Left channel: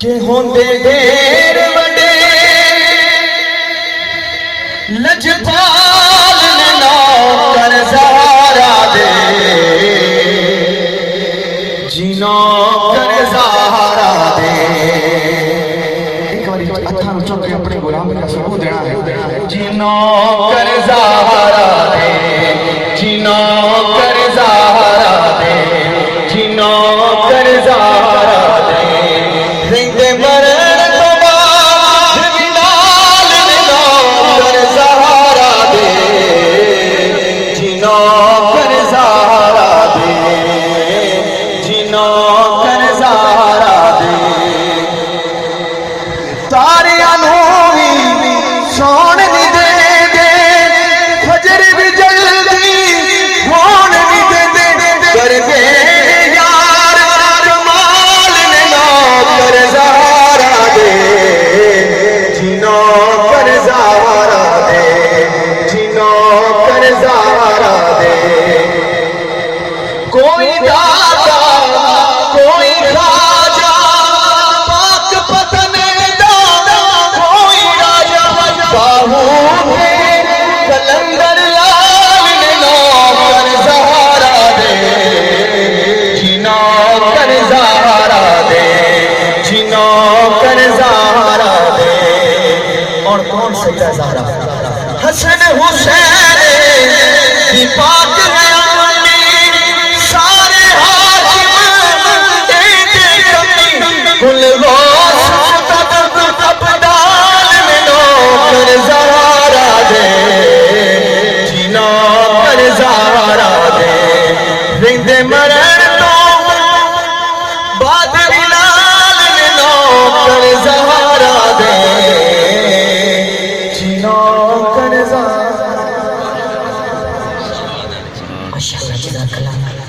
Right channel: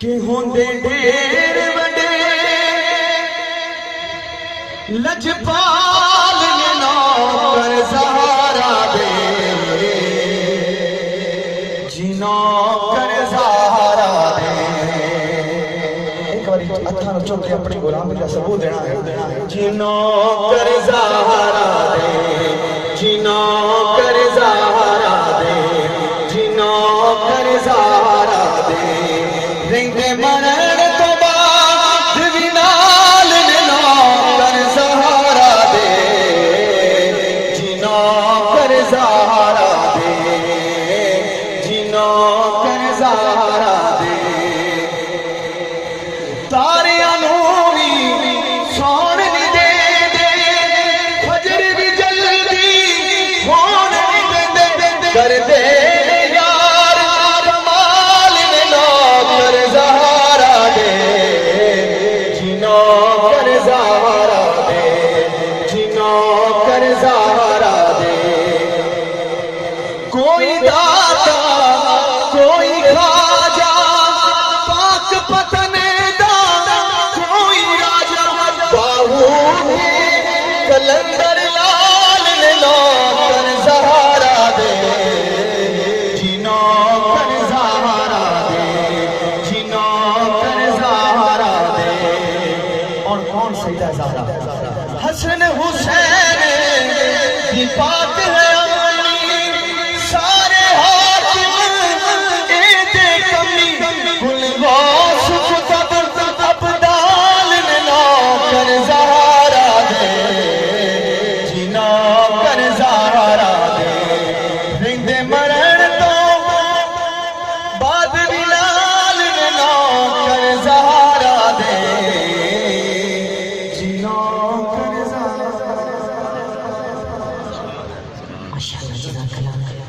कि होंदे ढेर वडे लजपाल ने नौकर ज़ारा दे जी नौकर ज़ारा दे। एक बार अथां उछल के अपने गुलाम का सबूत देना है। जी नौकर ज़ारा दे जी नौकर ज़ारा दे जी नौकर ज़ारा दे रिंदे मरण तो बाद भी नाल ने नौकर ज़ारा दे जी नौकर ज़ारा दे जी नौकर ज़ारा दे। तारियां नूं भी सौण नहीं दे फजर भी जल्दी होण नहीं दे कर दे यार कमाल ने नौकर ज़ारा दे जी नौकर ज़ारा दे जी नौकर ज़ारा दे। कोई दाता कोई खाजा पाक पतने दादा कोई राजा बाहू कलंदर लाल ने नौकर ज़ारा दे जी नौकर ज़ारा दे जी नौकर ज़ारा दे। और कौन सैयदा ज़ारा हसन हुसैन की पाक बयानी सारे हाशिम एते कमी कुल गौस तब अब्दाल ने नौकर ज़ारा दे जी नौकर ज़ारा दे रिंदे मरण तो बाद बिलाल ने नौकर ज़ारा दे जी नौकर ज़ारा। माशाअल्लाह जज़ाकल्लाह।